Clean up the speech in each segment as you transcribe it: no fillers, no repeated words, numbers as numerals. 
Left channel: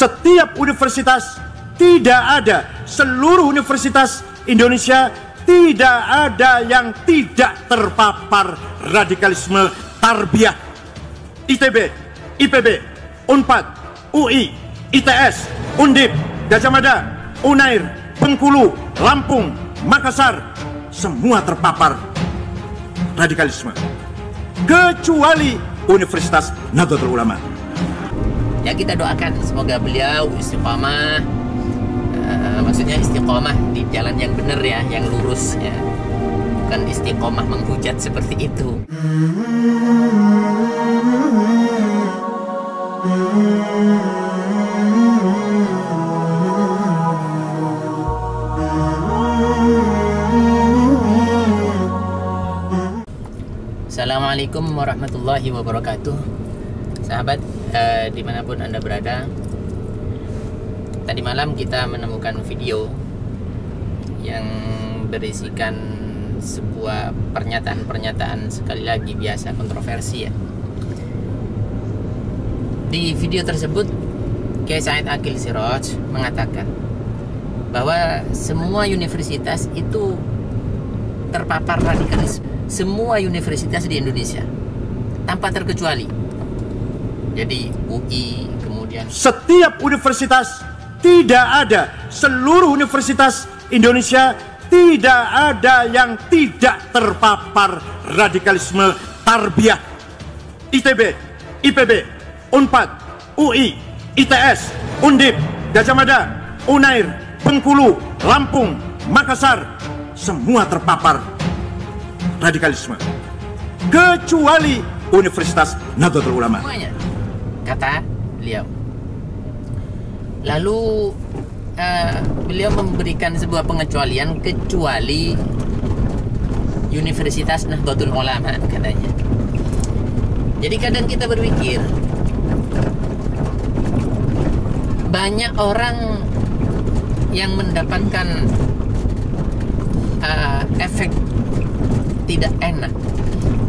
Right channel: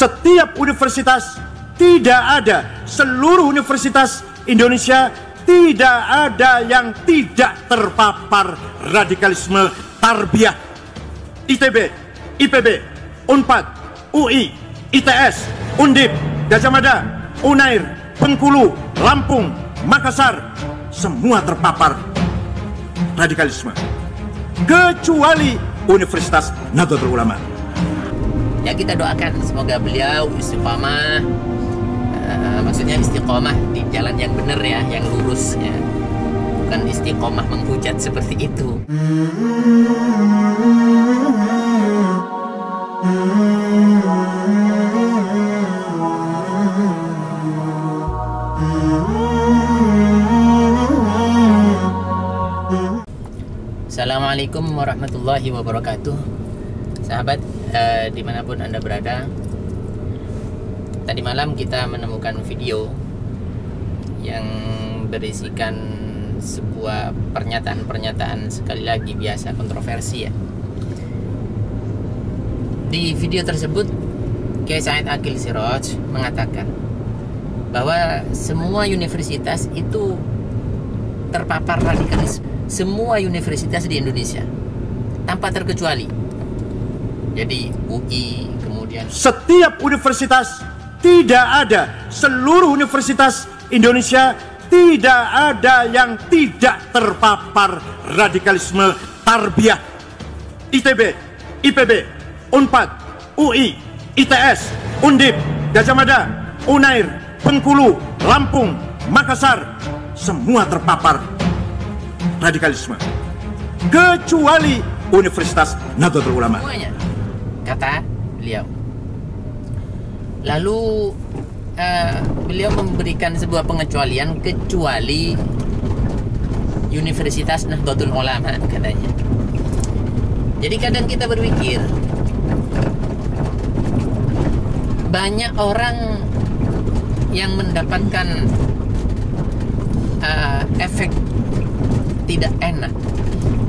setiap universitas, tidak ada, seluruh universitas Indonesia tidak ada yang tidak terpapar radikalisme tarbiyah. ITB, IPB, Unpad, UI, ITS, Undip, Gajah Mada, Unair, Bengkulu, Lampung, Makassar, semua terpapar radikalisme, kecuali Universitas Nahdlatul Ulama. Ya, kita doakan semoga beliau istiqomah, maksudnya istiqomah di jalan yang benar ya, yang lurus ya, bukan istiqomah menghujat seperti itu. Assalamualaikum warahmatullahi wabarakatuh. Sahabat, dimanapun Anda berada, tadi malam kita menemukan video yang berisikan sebuah pernyataan-pernyataan sekali lagi biasa kontroversi ya. Di video tersebut Kiai Said Aqil Siraj mengatakan bahwa semua universitas itu terpapar radikalisme, semua universitas di Indonesia tanpa terkecuali. Jadi UI, kemudian setiap universitas, tidak ada, seluruh universitas Indonesia tidak ada yang tidak terpapar radikalisme tarbiyah. ITB, IPB, Unpad, UI, ITS, Undip, Gajah Mada, Unair, Bengkulu, Lampung, Makassar, semua terpapar radikalisme, kecuali Universitas Nahdlatul Ulama. Semuanya, kata beliau. Lalu beliau memberikan sebuah pengecualian, kecuali Universitas Nahdlatul Ulama katanya. Jadi kadang kita berpikir, banyak orang yang mendapatkan efek tidak enak,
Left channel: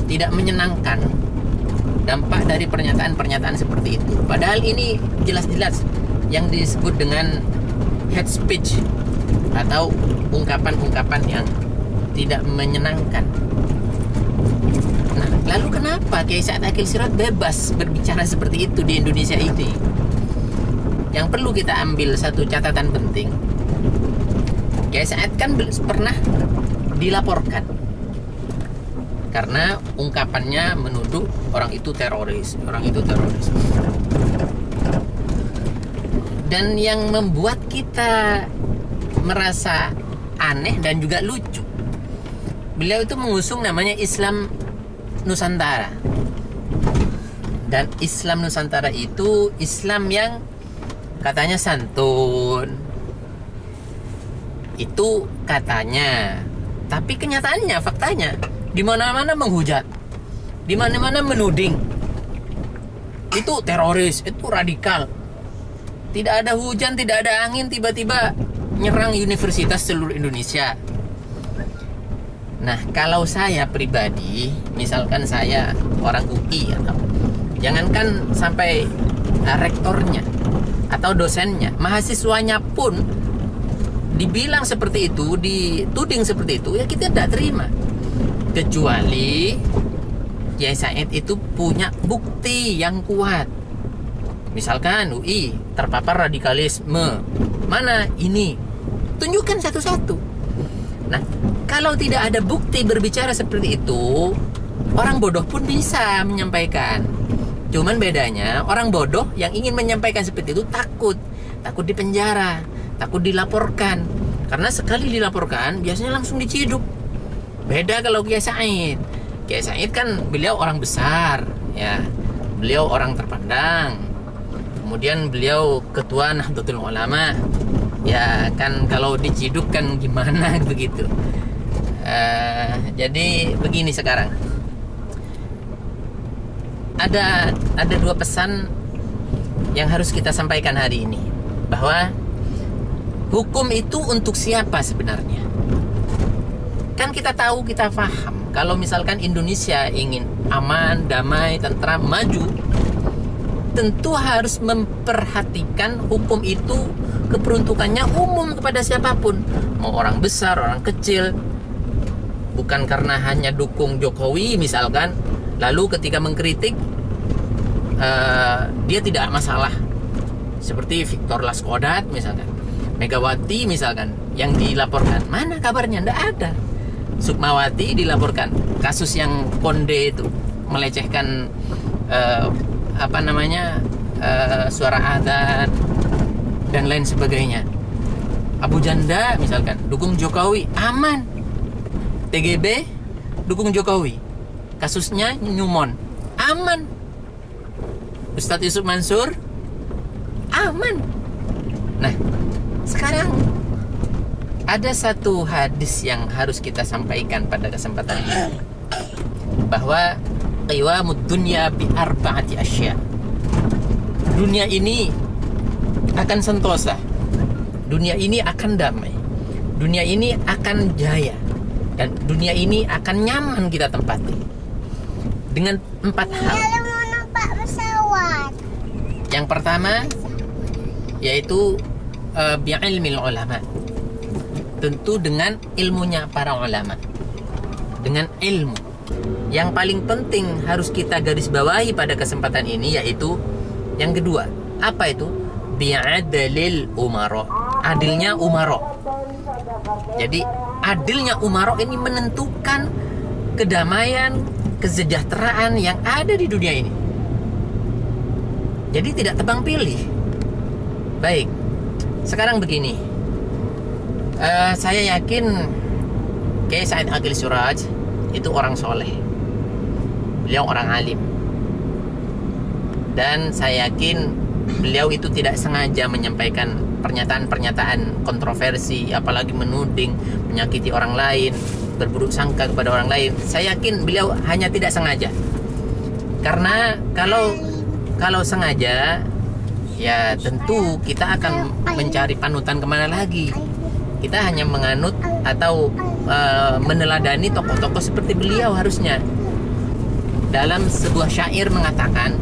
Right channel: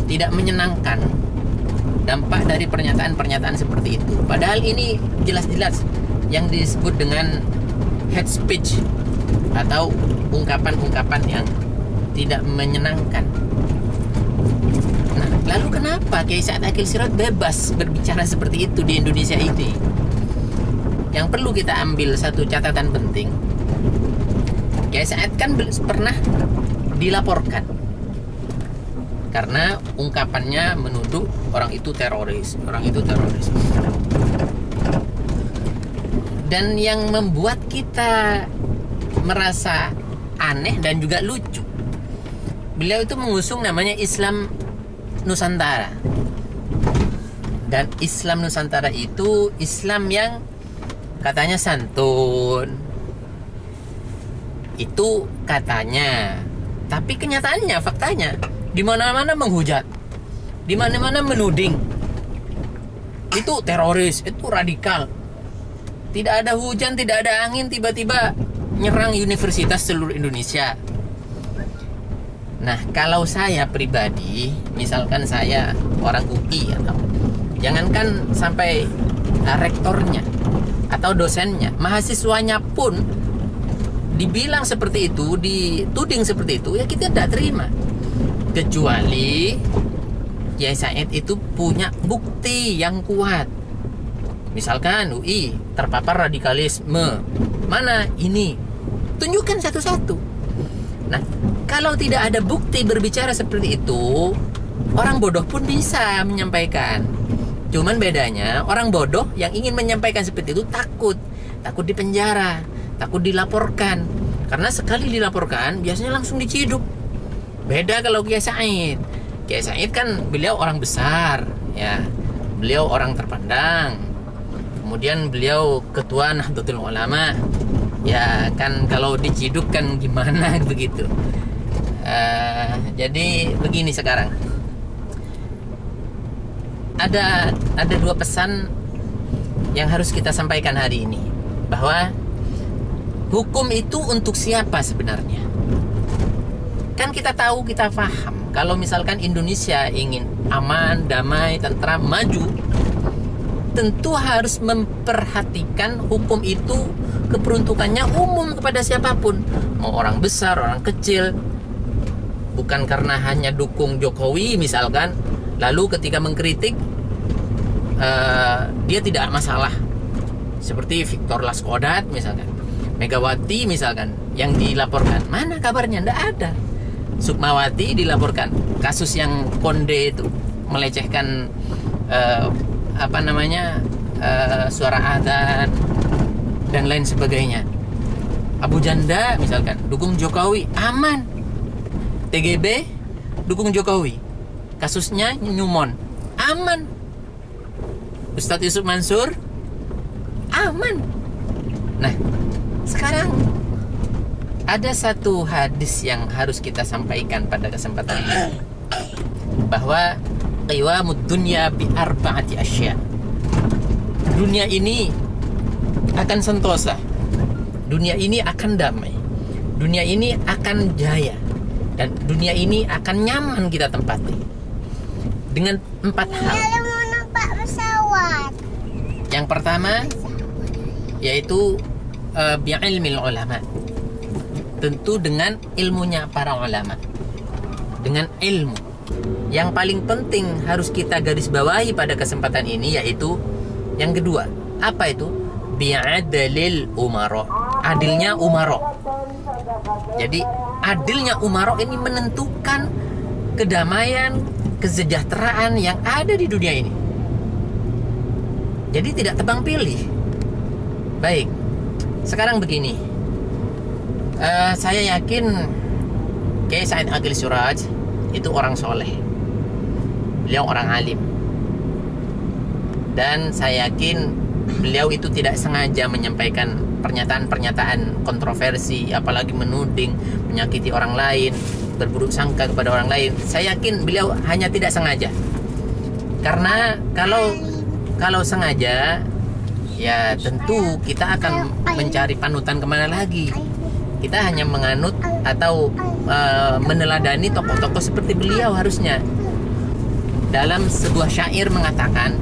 tidak menyenangkan dampak dari pernyataan-pernyataan seperti itu. Padahal ini jelas-jelas yang disebut dengan hate speech atau ungkapan-ungkapan yang tidak menyenangkan. Nah, lalu kenapa Kiai Said Aqil Siraj bebas berbicara seperti itu di Indonesia ini? Yang perlu kita ambil satu catatan penting, Kiai Said kan pernah dilaporkan karena ungkapannya menuduh orang itu teroris, orang itu teroris. Dan yang membuat kita merasa aneh dan juga lucu, beliau itu mengusung namanya Islam Nusantara. Dan Islam Nusantara itu Islam yang katanya santun. Itu katanya. Tapi kenyataannya, faktanya, di mana-mana menghujat, di mana-mana menuding. Itu teroris, itu radikal. Tidak ada hujan, tidak ada angin, tiba-tiba nyerang universitas seluruh Indonesia. Nah, kalau saya pribadi, misalkan saya orang UI atau jangankan sampai rektornya atau dosennya, mahasiswanya pun dibilang seperti itu, dituding seperti itu, ya kita tidak terima. Kecuali Kiai Said itu punya bukti yang kuat. Misalkan UI terpapar radikalisme, mana ini? Tunjukkan satu-satu. Nah, kalau tidak ada bukti berbicara seperti itu, orang bodoh pun bisa menyampaikan. Cuman bedanya, orang bodoh yang ingin menyampaikan seperti itu takut dipenjara, takut dilaporkan. Karena sekali dilaporkan, biasanya langsung diciduk. Beda kalau Kiai Said. Kiai Said kan beliau orang besar, ya. Beliau orang terpandang. Kemudian beliau ketua Nahdlatul Ulama. Ya kan kalau diciduk kan gimana begitu. Jadi begini sekarang. Ada dua pesan yang harus kita sampaikan hari ini, bahwa hukum itu untuk siapa sebenarnya? Kan kita tahu, kita paham, kalau misalkan Indonesia ingin aman, damai, tentram, maju, tentu harus memperhatikan hukum itu keperuntukannya umum kepada siapapun, mau orang besar, orang kecil. Bukan karena hanya dukung Jokowi misalkan, lalu ketika mengkritik dia tidak masalah. Seperti Victor Laskodat misalkan, Megawati misalkan yang dilaporkan, mana kabarnya? Nggak ada. Sukmawati dilaporkan kasus yang Konde itu melecehkan suara adzan dan lain sebagainya. Abu Janda misalkan dukung Jokowi, aman. TGB dukung Jokowi, kasusnya Nyumon, aman. Ustadz Yusuf Mansur, aman. Nah, sekarang ada satu hadis yang harus kita sampaikan pada kesempatan ini, bahwa qiwamud dunya bi arba'ati asya. Dunia ini akan sentosa, dunia ini akan damai, dunia ini akan jaya, dan dunia ini akan nyaman kita tempati dengan 4 hal. Yang pertama yaitu bi'ilmil ulama, tentu dengan ilmunya para ulama, dengan ilmu. Yang paling penting harus kita garis bawahi pada kesempatan ini yaitu yang kedua. Apa itu? Bi'adalil umaro, adilnya umaro. Jadi adilnya umaro ini menentukan kedamaian, kesejahteraan yang ada di dunia ini. Jadi tidak tebang pilih. Baik, sekarang begini, saya yakin Kiai Said Aqil Suraj itu orang soleh, beliau orang alim, dan saya yakin beliau itu tidak sengaja menyampaikan pernyataan-pernyataan kontroversi, apalagi menuding, menyakiti orang lain, berburuk sangka kepada orang lain. Saya yakin beliau hanya tidak sengaja. Karena kalau sengaja, ya tentu kita akan mencari panutan kemana lagi. Kita hanya menganut atau meneladani tokoh-tokoh seperti beliau harusnya. Dalam sebuah syair mengatakan,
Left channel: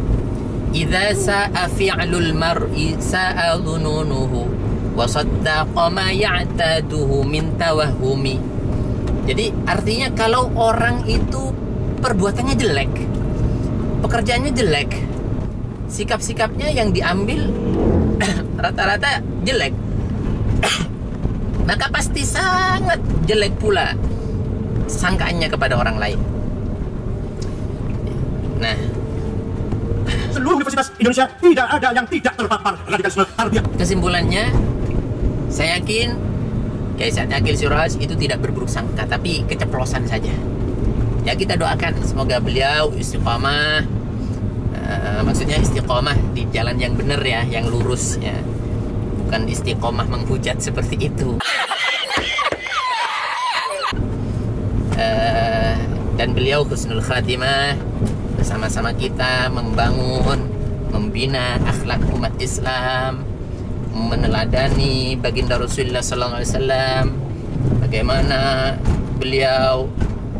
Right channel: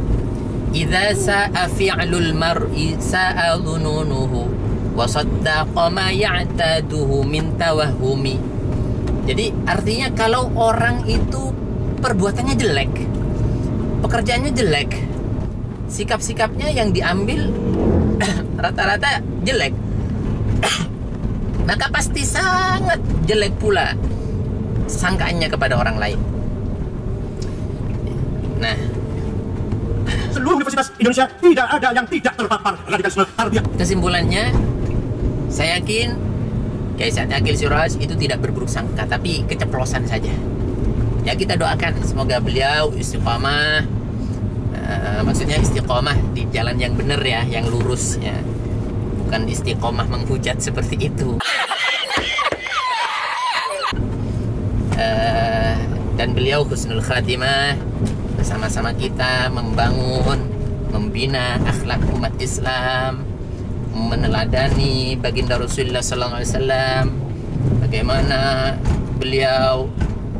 idza sa'a fi'lul mar'i sa'a dhununuhu wa saddaqa ma ya'taduhu min tawahhumi. Jadi artinya kalau orang itu perbuatannya jelek, pekerjaannya jelek, sikap-sikapnya yang diambil rata-rata jelek, maka pasti sangat jelek pula sangkaannya kepada orang lain. Nah, seluruh universitas Indonesia tidak ada yang tidak terpapar radikalisme tarbiyah. Kesimpulannya, saya yakin Kiai Said Aqil Suraj itu tidak berburuk sangka, tapi keceplosan saja. Ya, kita doakan semoga beliau istiqomah, maksudnya istiqomah di jalan yang benar ya, yang lurus ya, bukan istiqomah menghujat seperti itu. Dan beliau husnul khatimah, bersama-sama kita membangun, membina akhlak umat Islam, meneladani baginda Rasulullah SAW, bagaimana beliau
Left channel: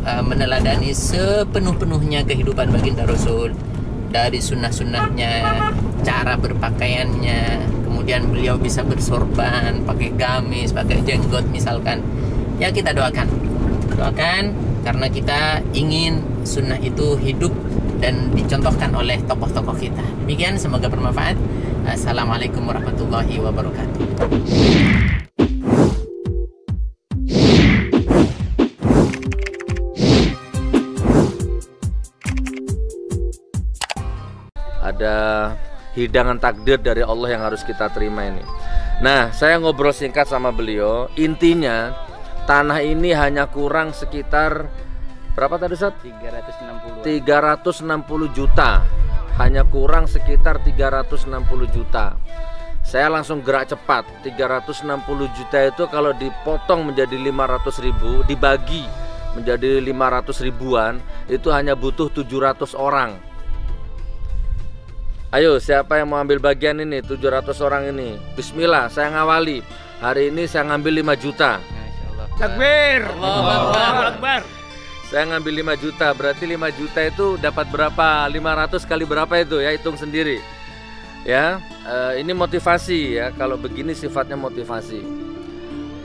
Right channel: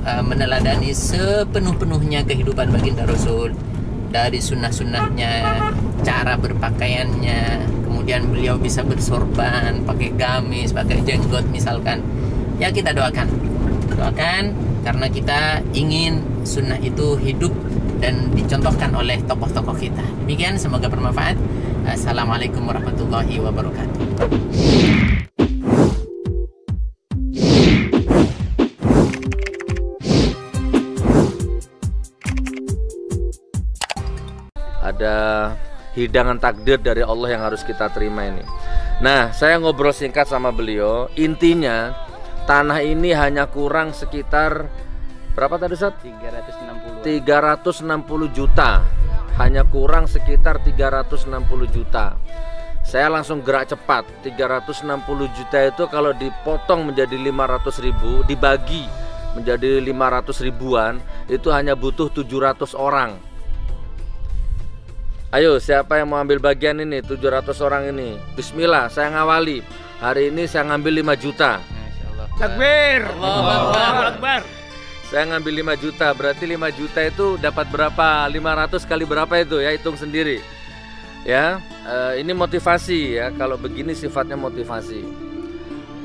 meneladani sepenuh-penuhnya kehidupan baginda Rasul, dari sunnah-sunnahnya, cara berpakaiannya, kemudian beliau bisa bersorban, pakai gamis, pakai jenggot misalkan. Ya, kita doakan karena kita ingin sunnah itu hidup dan dicontohkan oleh tokoh-tokoh kita. Demikian, semoga bermanfaat. Assalamualaikum warahmatullahi wabarakatuh. Ada hidangan takdir dari Allah yang harus kita terima ini. Nah, saya ngobrol singkat sama beliau. Intinya, tanah ini hanya kurang sekitar berapa tadi Ustaz? 360 juta. Hanya kurang sekitar 360 juta. Saya langsung gerak cepat. 360 juta itu kalau dipotong menjadi 500 ribu, dibagi menjadi 500 ribuan, itu hanya butuh 700 orang. Ayo, siapa yang mau ambil bagian ini? 700 orang ini. Bismillah, saya ngawali. Hari ini saya ngambil 5 juta. Takbir. Allahu Akbar. Saya ngambil 5 juta, berarti 5 juta itu dapat berapa? 500 kali berapa itu ya, hitung sendiri. Ya, ini motivasi ya. Kalau begini sifatnya motivasi.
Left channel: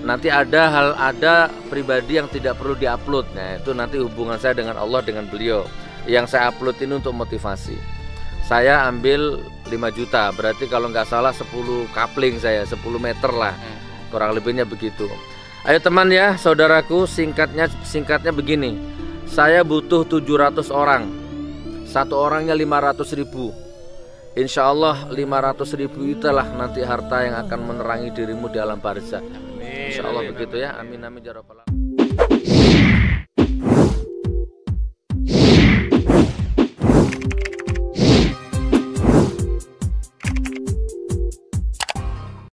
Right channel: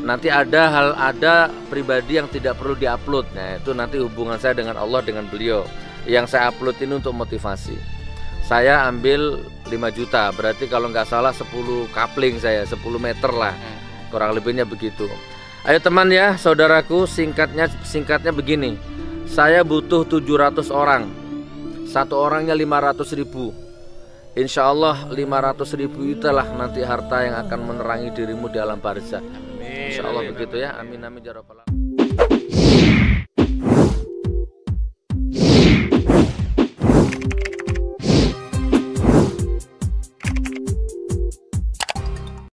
Nanti ada pribadi yang tidak perlu diupload. Nah, itu nanti hubungan saya dengan Allah, dengan beliau. Yang saya upload ini untuk motivasi. Saya ambil 5 juta, berarti kalau nggak salah 10 coupling saya, 10 meter lah. Kurang lebihnya begitu. Ayo teman ya, saudaraku, singkatnya begini. Saya butuh 700 orang. Satu orangnya 500.000. Insya Allah 500.000 itulah nanti harta yang akan menerangi dirimu di alam barzakh. Insya Allah begitu ya. Amin amin ya rabbal alamin.